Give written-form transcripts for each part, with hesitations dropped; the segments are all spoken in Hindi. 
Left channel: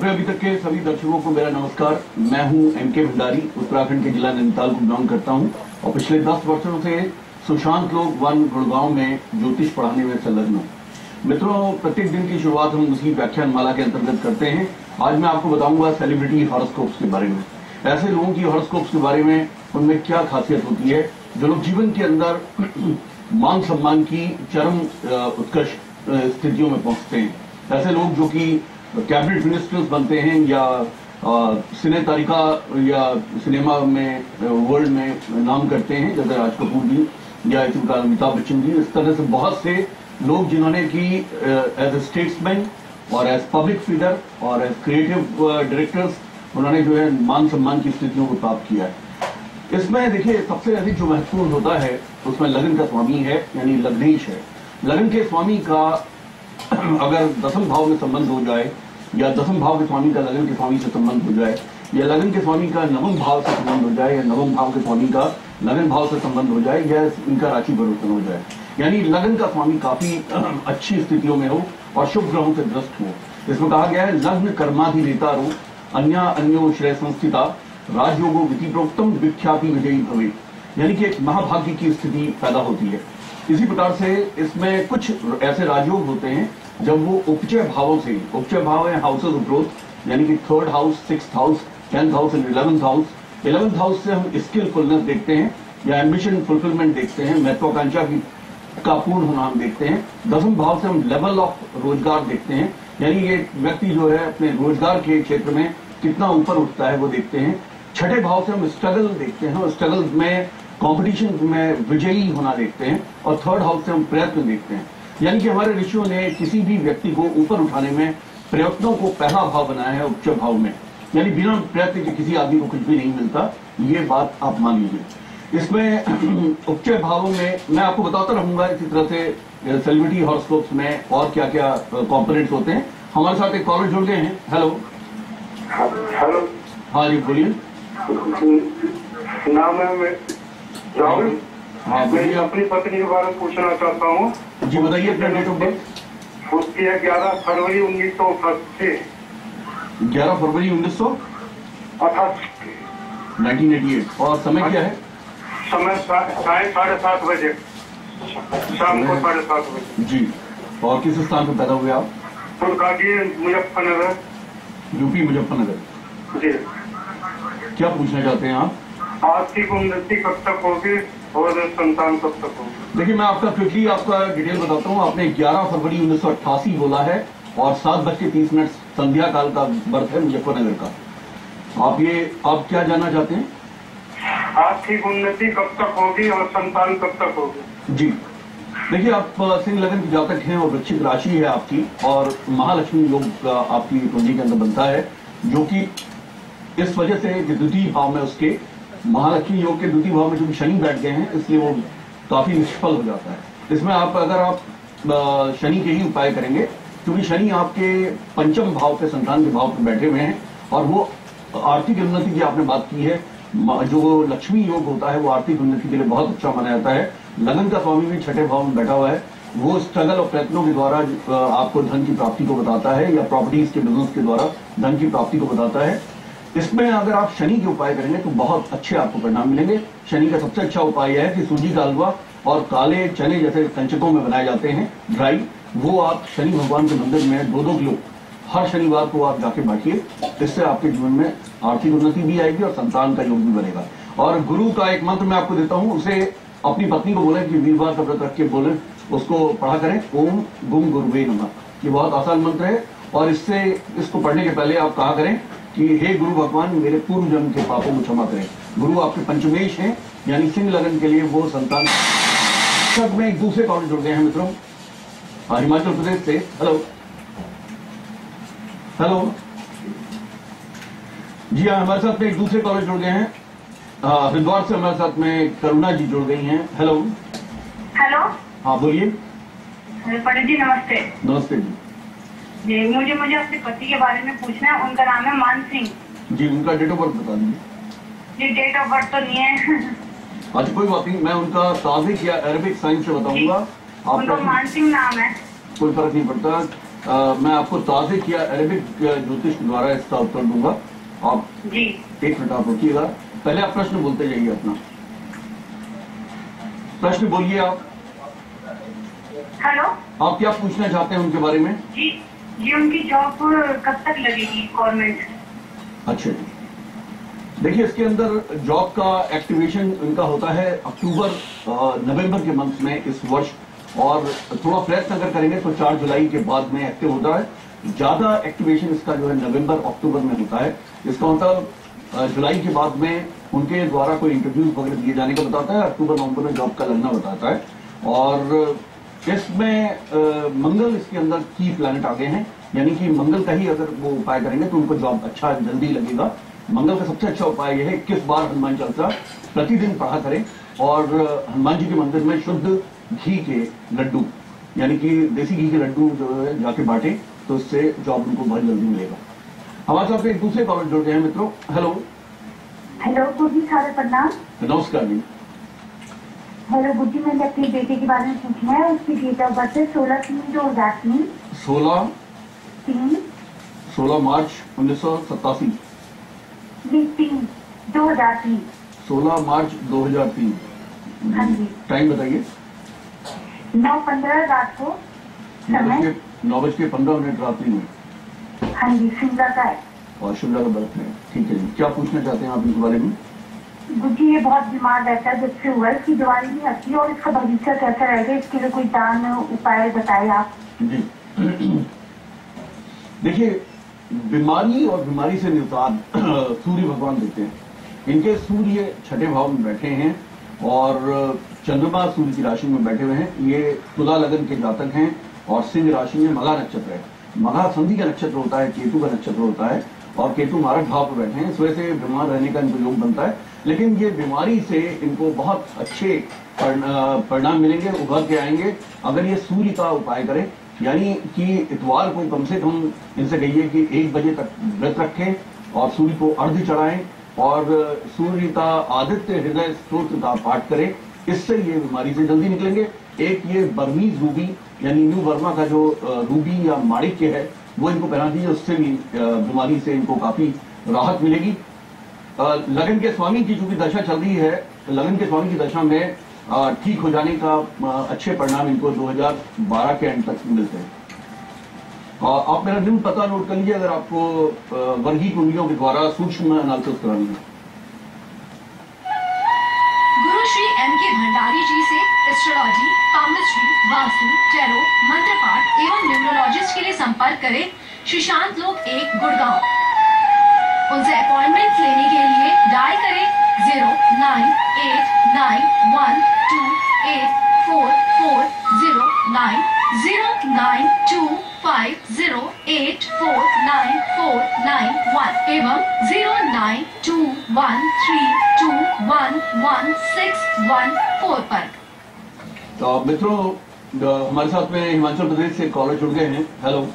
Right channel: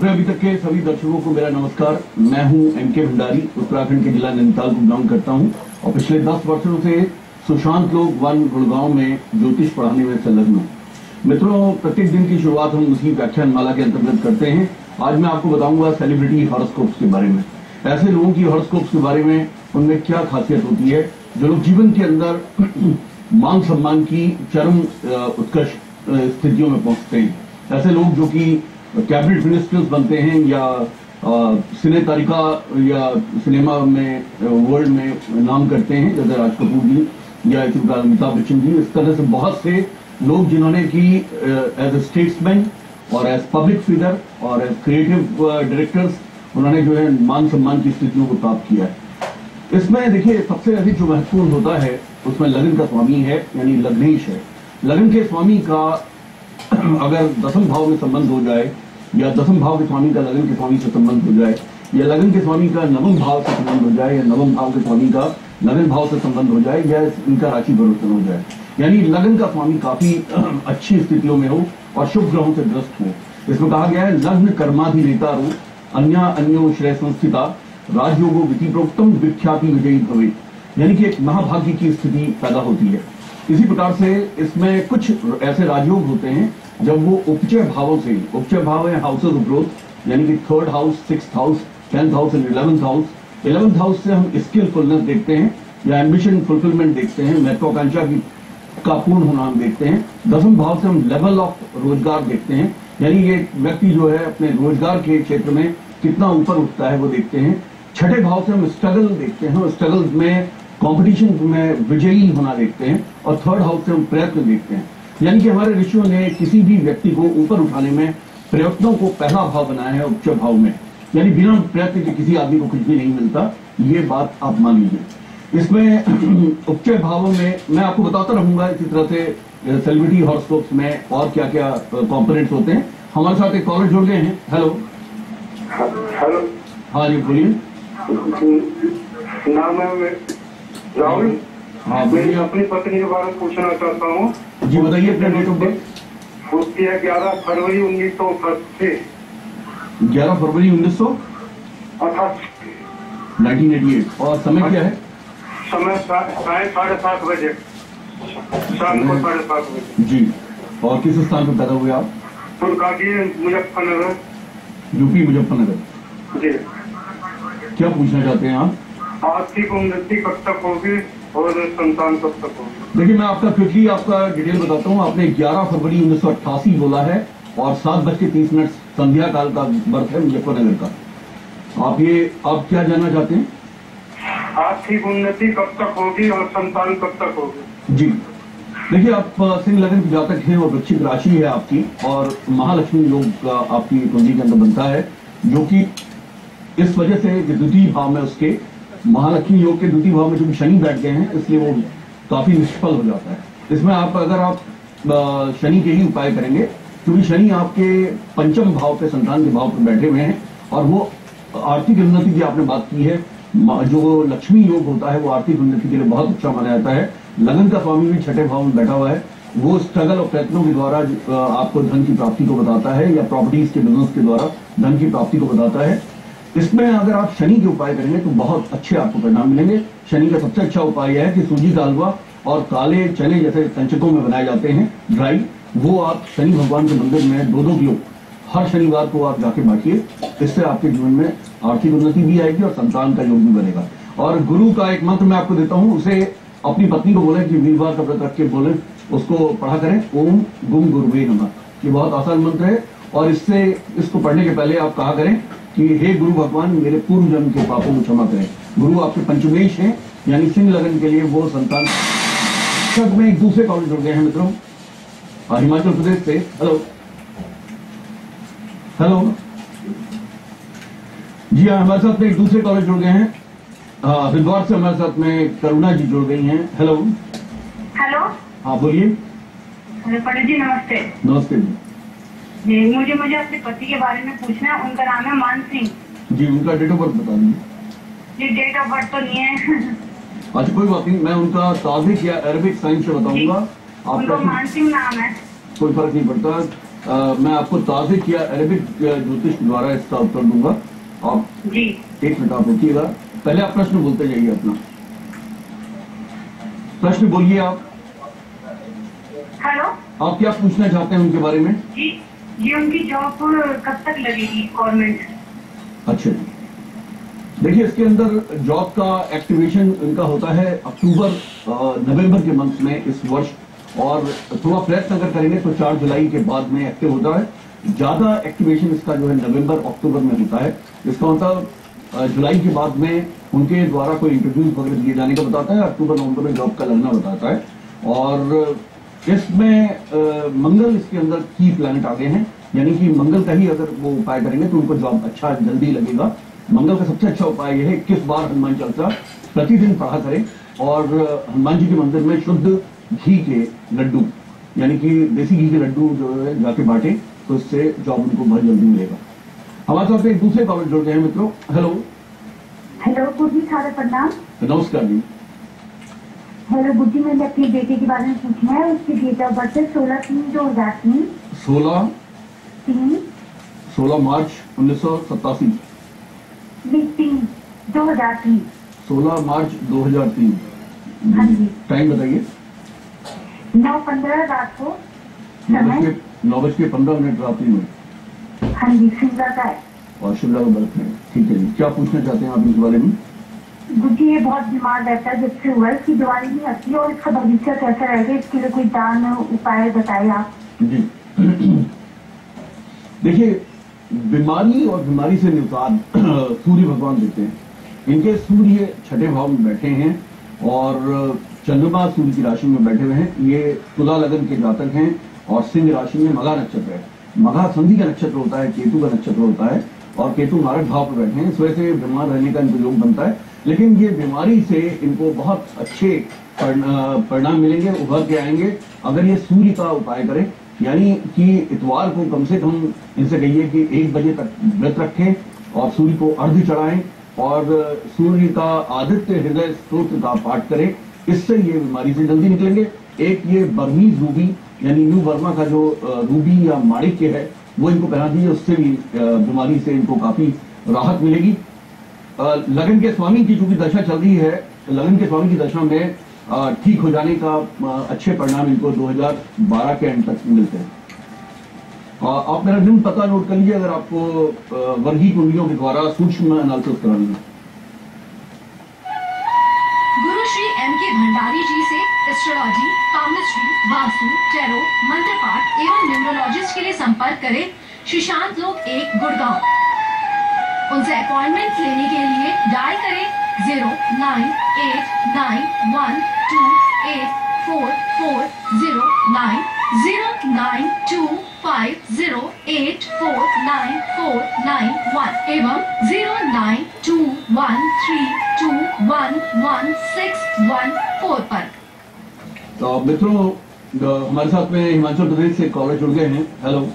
अपने अभी तक के सभी दर्शकों को मेरा नमस्कार। मैं हूं एमके भंडारी, उत्तराखंड के जिला नैनीताल को बिलोंग करता हूं और पिछले 10 वर्षों से सुशांत लोक वन गुड़गांव में ज्योतिष पढ़ाने में संलग्न हूं। मित्रों, प्रत्येक दिन की शुरुआत हम उसी व्याख्यान माला के अंतर्गत करते हैं। आज मैं आपको बताऊंगा सेलिब्रिटी हॉरोस्कोप्स के बारे में, ऐसे लोगों की हॉरोस्कोप्स के बारे में, उनमें क्या खासियत होती है जो लोग जीवन के अंदर मान सम्मान की चरम उत्कृष्ट स्थितियों में पहुंचते हैं। ऐसे लोग जो कि कैबिनेट मिनिस्टर्स बनते हैं या सिने तारिका या सिनेमा में वर्ल्ड में नाम करते हैं, जैसे राज कपूर जी या इसी प्रकार अमिताभ बच्चन जी। इस तरह से बहुत से लोग जिन्होंने कि एज ए स्टेट्समैन और एज पब्लिक फिगर और एज क्रिएटिव डायरेक्टर्स उन्होंने जो है मान सम्मान की स्थितियों को प्राप्त किया है। इसमें देखिए, सबसे अधिक जो महत्वपूर्ण होता है उसमें लगन का स्वामी है, यानी लग्नेश है। लगन के स्वामी का अगर दसम भाव में संबंध हो जाए या दसम भाव के स्वामी का लगन के स्वामी से संबंध हो जाए या लगन के स्वामी का नवम भाव से संबंध हो जाए या नवम भाव के स्वामी का लगन भाव से संबंध हो जाए या इनका राशि परिवर्तन हो जाए, यानी लगन का स्वामी काफी अच्छी स्थितियों में हो और शुभ ग्रहों से ग्रस्त हो। इसमें कहा गया है लग्न कर्माधिनेता रो अन्या अन्यो श्रेय संस्थिता राजयोगो विधि प्रोक्तम विख्याति विजयी भवे, यानी कि एक महाभाग्य की स्थिति पैदा होती है। इसी प्रकार से इसमें कुछ ऐसे राजयोग होते हैं जब वो उपचय भावों से, उपचय भाव है हाउसेज ऑफ ग्रोथ, यानी कि 3rd house, 6th house, 10th house and 11th house. 11th house से हम स्किलफुलनेस देखते हैं या एम्बिशन फुलफिलमेंट देखते हैं, महत्वाकांक्षा की का पूर्ण होना हम देखते हैं। 10th भाव से हम लेवल ऑफ रोजगार देखते हैं, यानी ये व्यक्ति जो है अपने रोजगार के क्षेत्र में कितना ऊपर उठता है वो देखते हैं। 6ठे भाव से हम स्ट्रगल देखते हैं, स्ट्रगल में कंपटीशन में विजयी होना देखते हैं। और 3rd हाउस से हम प्रयत्न देखते हैं, यानी कि हमारे ऋषियों ने किसी भी व्यक्ति को ऊपर उठाने में प्रयत्नों को पहला भाव बनाया है उपचय भाव में, यानी बिना प्रयत्न के किसी आदमी को कुछ भी नहीं मिलता, ये बात आप मान लीजिए। इसमें उपचय भावों में मैं आपको बताता रहूंगा इसी तरह से सेलिब्रिटी हॉरोस्कोप्स में और क्या क्या कॉम्पोनेंट्स होते हैं। हमारे साथ एक कॉलर जुड़ गए हैं। हेलो हेलो, हाँ जी बोलिए। नाम है राहुल। हाँ मैं अपनी पत्नी के बारे में पूछना चाहता हूँ। जी बताइए अपना डेट ऑफ बर्थ। उसकी है 11 फरवरी 1988। 11 फरवरी 1988। और समय क्या है? समय 7:30 बजे, शाम को 7:30 बजे। जी। और किस स्थान पर पैदा हुए आप? फुलकाटी, मुजफ्फरनगर, यूपी मुजफ्फरनगर। जी। क्या पूछना चाहते हैं आप? आर्थिक उन्नति कब तक होगी और संतान कब तक होगी? देखिए, मैं आपका क्विकली आपका डिटेल बताता हूँ। आपने 11 फरवरी 1988 बोला है और 7:30 संध्या काल का बर्थ है मुजफ्फरनगर का। आप क्या जानना चाहते हैं? आर्थिक उन्नति कब तक होगी और संतान कब तक होगी? जी देखिए, आप सिंह लगन की जातक हैं और वृश्चिक राशि है आपकी और महालक्ष्मी योग आपकी कुंडली के अंदर बनता है, जो कि इस वजह से द्वितीय भाव में उसके महालक्ष्मी योग के द्वितीय भाव में जो शनि बैठ गए हैं, इसलिए वो काफी निष्फल हो जाता है। इसमें अगर आप शनि के ही उपाय करेंगे, क्योंकि शनि आपके पंचम भाव पे, संतान के भाव पे बैठे हुए हैं और वो आर्थिक उन्नति की आपने बात की है, जो लक्ष्मी योग होता है वो आर्थिक उन्नति के लिए बहुत अच्छा माना जाता है। लगन का स्वामी भी 6ठे भाव में बैठा हुआ है, वो स्ट्रगल और प्रयत्नों के द्वारा आपको धन की प्राप्ति को बताता है या प्रॉपर्टीज के बिजनेस के द्वारा धन की प्राप्ति को बताता है। इसमें अगर आप शनि के उपाय करेंगे तो बहुत अच्छे आपको परिणाम मिलेंगे। शनि का सबसे अच्छा उपाय यह है कि सूजी का हलवा और काले चने जैसे कंचकों में बनाए जाते हैं ड्राई, वो आप शनि भगवान के मंदिर में 2-2 किलो हर शनिवार को आप जाके बांटिए। इससे आपके जीवन में आर्थिक उन्नति भी आएगी और संतान का योग भी बनेगा। और गुरु का एक मंत्र मैं आपको देता हूँ, उसे अपनी पत्नी को बोले कि वीरवार का व्रत रख के बोले, उसको पढ़ा करें, ओम गुम गुरुवे नमः। ये बहुत आसान मंत्र है और इसको पढ़ने के पहले आप कहा करें कि हे गुरु भगवान, मेरे पूर्व जन्म के पापों को क्षमा करें। गुरु आपके पंचमेश हैं, यानी सिंह लगन के लिए वो संतान। सब में एक दूसरे कॉलेज जुड़ गए हैं मित्रों, हिमाचल प्रदेश से। हेलो हेलो जी हाँ, हमारे साथ में एक दूसरे कॉलेज जुड़ गए हैं। हरिद्वार से हमारे साथ में करुणा जी जुड़ गई हैं। हेलो हेलो, हाँ बोलिए। पंडित जी नमस्ते। नमस्ते जी। जी मुझे अपने पति के बारे में पूछना है। उनका नाम है मान सिंह जी। उनका डेट ऑफ बर्थ बता दीजिए। जी डेट ऑफ बर्थ तो नहीं है। अच्छा कोई बात नहीं, मैं उनका ताजिक या अरबिक साइंस से बताऊंगा। उनका मान सिंह नाम है। कोई फर्क नहीं पड़ता। मैं आपको ताज़े किया अरेबिक ज्योतिष द्वारा इसका उत्तर दूंगा। आप जी 1 मिनट आप रुकिएगा, पहले आप प्रश्न बोलते जाइए अपना प्रश्न बोलिए आप। हेलो। आप क्या पूछना चाहते हैं उनके बारे में? जी जी उनकी जॉब कब तक लगेगी गवर्नमेंट? अच्छा जी, देखिए इसके अंदर जॉब का एक्टिवेशन इनका होता है अक्टूबर नवंबर के मंथ में इस वर्ष, और थोड़ा प्रयत्न अगर करेंगे तो 4 जुलाई के बाद में एक्टिव होता है। ज्यादा एक्टिवेशन इसका जो है नवंबर अक्टूबर में होता है। इसका मतलब जुलाई के बाद में उनके द्वारा कोई इंटरव्यूज वगैरह दिए जाने का बताता है, अक्टूबर नवंबर में जॉब का लगना बताता है। और इसमें मंगल इसके अंदर की प्लैनेट आ गए हैं, यानी कि मंगल का ही अगर वो उपाय करेंगे तो उनको जॉब अच्छा जल्दी लगेगा। मंगल का सबसे अच्छा उपाय यह है 21 बार हनुमान चालीसा प्रतिदिन पढ़ा करें, और हनुमान जी के मंदिर में शुद्ध घी के लड्डू, यानी कि देसी घी के लड्डू जो है जाके बांटे, तो इससे जॉब उनको बहुत जल्दी मिलेगा। हमारे साथ एक दूसरे कॉलर जुड़ गए हैं मित्रों। हेलो। हेलो गुरुजी, सारे प्रणाम। नमस्कार जी। हेलो गुरुजी, मैंने अपनी बेटे के बारे में पूछना है। उसकी डेट ऑफ बर्थ है 16/3/2003। 16 मार्च 1987। 2003। 16 मार्च 2003। हाँ जी। टाइम बताइए। 9:15 रात को समय। 9:15 रात्रि में। हाँ जी, शिमला का है। और शिमला का बर्थ है, ठीक है जी। क्या पूछना चाहते हैं आप इस बारे में? गुरुजी ये बहुत बीमार रहता है, जब से हुआ है इसकी दवाई नहीं आती, और इसका भविष्य कैसा रहेगा, इसके लिए कोई दान उपाय बताए आप। जी देखिए, बीमारी और बीमारी से निजात सूर्य भगवान देते हैं। इनके सूर्य 6ठे भाव में बैठे हैं और चंद्रमा सूर्य की राशि में बैठे हुए हैं। ये तुला लगन के जातक हैं और सिंह राशि में मघा नक्षत्र है। मघा संधि का नक्षत्र होता है, केतु का नक्षत्र होता है, और केतु मारक भाव पर बैठे हैं। इस वजह से बीमार रहने का इनको योग बनता है, लेकिन ये बीमारी से इनको बहुत अच्छे परिणाम मिलेंगे, उभर के आएंगे अगर ये सूर्य का उपाय करें। यानी कि इतवार को कम से कम इनसे कहिए कि 1 बजे तक व्रत रखें और सूर्य को अर्घ्य चढ़ाएं और सूर्य का आदित्य हृदय स्तोत्र का पाठ करें। इससे ये बीमारी से जल्दी निकलेंगे। एक ये बर्मीज रूबी यानी न्यू बर्मा का जो रूबी या माणिक्य है वो इनको पहना दीजिए, उससे भी बीमारी से इनको काफी राहत मिलेगी। लगन के स्वामी की चूंकि दशा चल रही है, लगन के स्वामी की दशा में ठीक हो जाने का अच्छे परिणाम इनको 2012 के एंड तक मिलते हैं। आप मेरा दिन पता नोट कर लीजिए अगर आपको वर्गीय कुंडलियों के द्वारा सूक्ष्म एनालिसिस करानी है। गुरु श्री M.K. भंडारी जी से एस्ट्रोलॉजी, पामिस्ट्री, वास्तु, टैरो, मंत्र पाठ एवं न्यूमरोलॉजिस्ट के लिए संपर्क करें सुशांत लोक 1 गुड़गांव। उनसे अपॉइंटमेंट लेने के लिए डायल करें 098912844090 0925084941 एवं 0921321161 पर। तो मित्रों, हमारे साथ में हिमाचल प्रदेश से कॉलर जुड़ गए हैं। हेलो।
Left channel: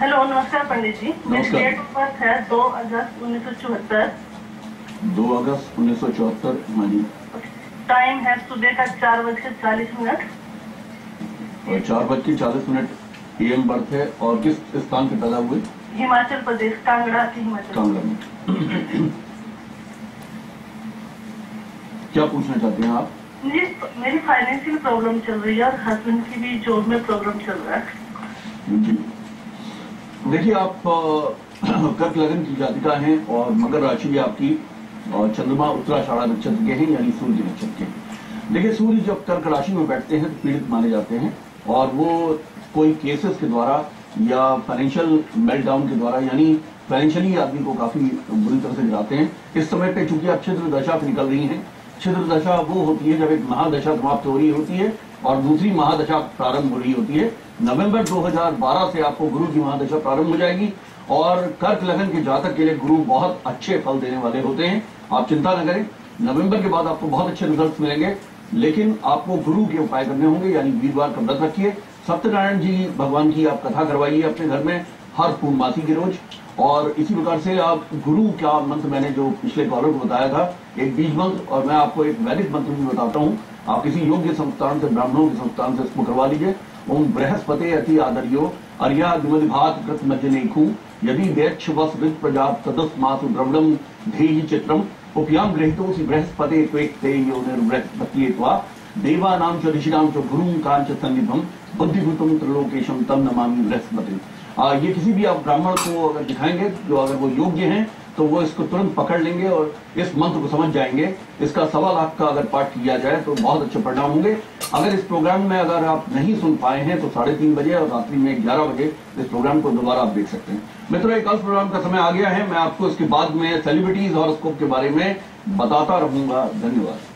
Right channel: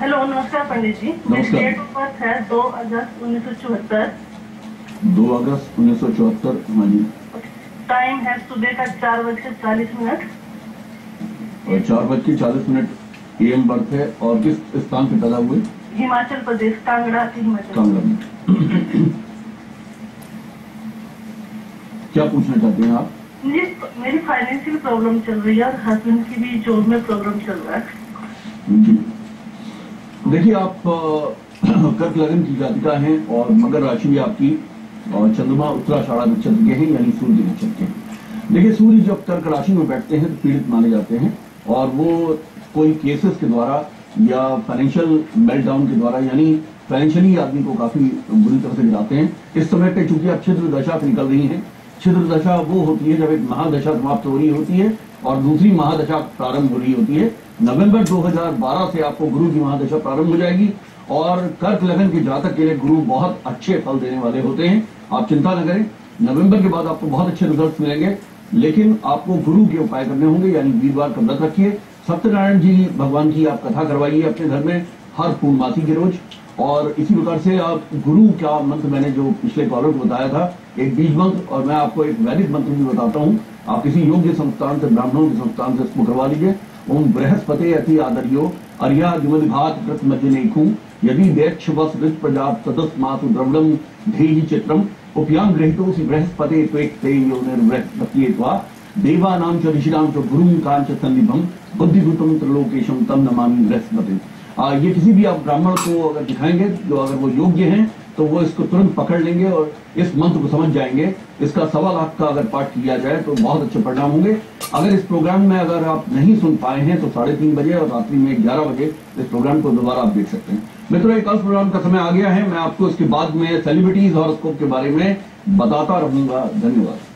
हेलो, नमस्कार पंडित जी। मेरी नमस्कार। डेट ऑफ बर्थ है 2 अगस्त 1974। 2 अगस्त 1974। हाँ जी। टाइम है सुबह का 4:40 और 4:40 AM बर्थ है। और किस स्थान पे पैदा हुए? हिमाचल प्रदेश, कांगड़ा के हिमाचल। कांगड़ा में। क्या पूछना चाहते हैं आप? मेरी फाइनेंशियल प्रॉब्लम चल रही है और हस्बैंड की भी जॉब में प्रॉब्लम चल रहा है। जी देखिए, आप कर्क लगन की जातिका हैं और मकर राशि भी आपकी, और चंद्रमा उत्तराषाढ़ा नक्षत्र के हैं यानी सूर्य के नक्षत्र के हैं। देखिए, सूर्य जब कर्क राशि में बैठते हैं तो पीड़ित माने जाते हैं, और वो कोई केसेस के द्वारा या फाइनेंशियल मेल्टडाउन के द्वारा, यानी फाइनेंशियली आदमी को काफी बुरी तरह से गिराते हैं। इस समय पे चूंकि आप छिद्र दशा पे निकल रही हैं, छिद्र दशा वो होती है जब एक महादशा समाप्त हो रही होती है और दूसरी महादशा प्रारंभ हो रही होती है। नवंबर 2012 से आपको गुरु की महादशा प्रारंभ हो जाएगी, और कर्क लगन के जातक के लिए गुरु बहुत अच्छे फल देने वाले होते हैं। आप चिंता न करें, नवंबर के बाद आपको बहुत अच्छे रिजल्ट मिलेंगे, लेकिन आपको गुरु के उपाय करने होंगे। यानी वीरवार का व्रत रखिए, सत्यनारायण जी भगवान की आप कथा करवाइए अपने घर में हर पूर्णमासी के रोज। और इसी प्रकार से आप गुरु का मंत्र, मैंने जो पिछले कॉलर को बताया था, एक बीज मंत्र, और मैं आपको एक वैदिक मंत्र भी बताता हूँ। आप किसी योग्य संस्थान से, ब्राह्मणों के संस्थान से इसको करवा लीजिए। ओम बृहस्पति अति आदर्यो अर्यादिमदिभात कृतमज्जनेखु यदि दैक्षवस्वित प्रजाप तदस्मातु द्रविडम धेहि चित्रम उपयाम गृहीतोऽसि बृहस्पते त्वेक्ते योनिर्बृहस्पत्येत्वा देवानां च ऋषिणां च गुरुं कांच सन्निभम बुद्धिभूतम त्रिलोकेशम तम नमामि बृहस्पति। ये किसी भी आप ब्राह्मण को अगर दिखाएंगे जो अगर वो योग्य हैं तो वो इसको तुरंत पकड़ लेंगे और इस मंत्र को समझ जाएंगे। इसका 1.25 लाख का अगर पाठ किया जाए तो बहुत अच्छे परिणाम होंगे। अगर इस प्रोग्राम में अगर आप नहीं सुन पाए हैं तो 3:30 बजे और रात्रि में 11 बजे इस प्रोग्राम को दोबारा आप देख सकते हैं। मित्रों, एक कल प्रोग्राम का समय आ गया है। मैं आपको इसके बाद में सेलिब्रिटीज हॉरोस्कोप के बारे में बताता रहूंगा। धन्यवाद।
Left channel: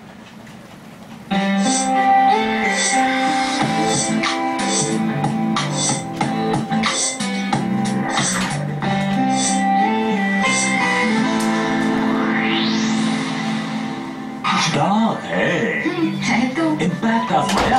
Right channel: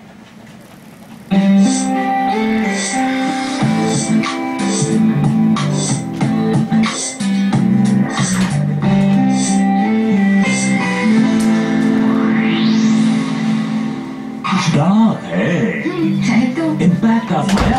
डार्क है तो इम्पैक्ट का साया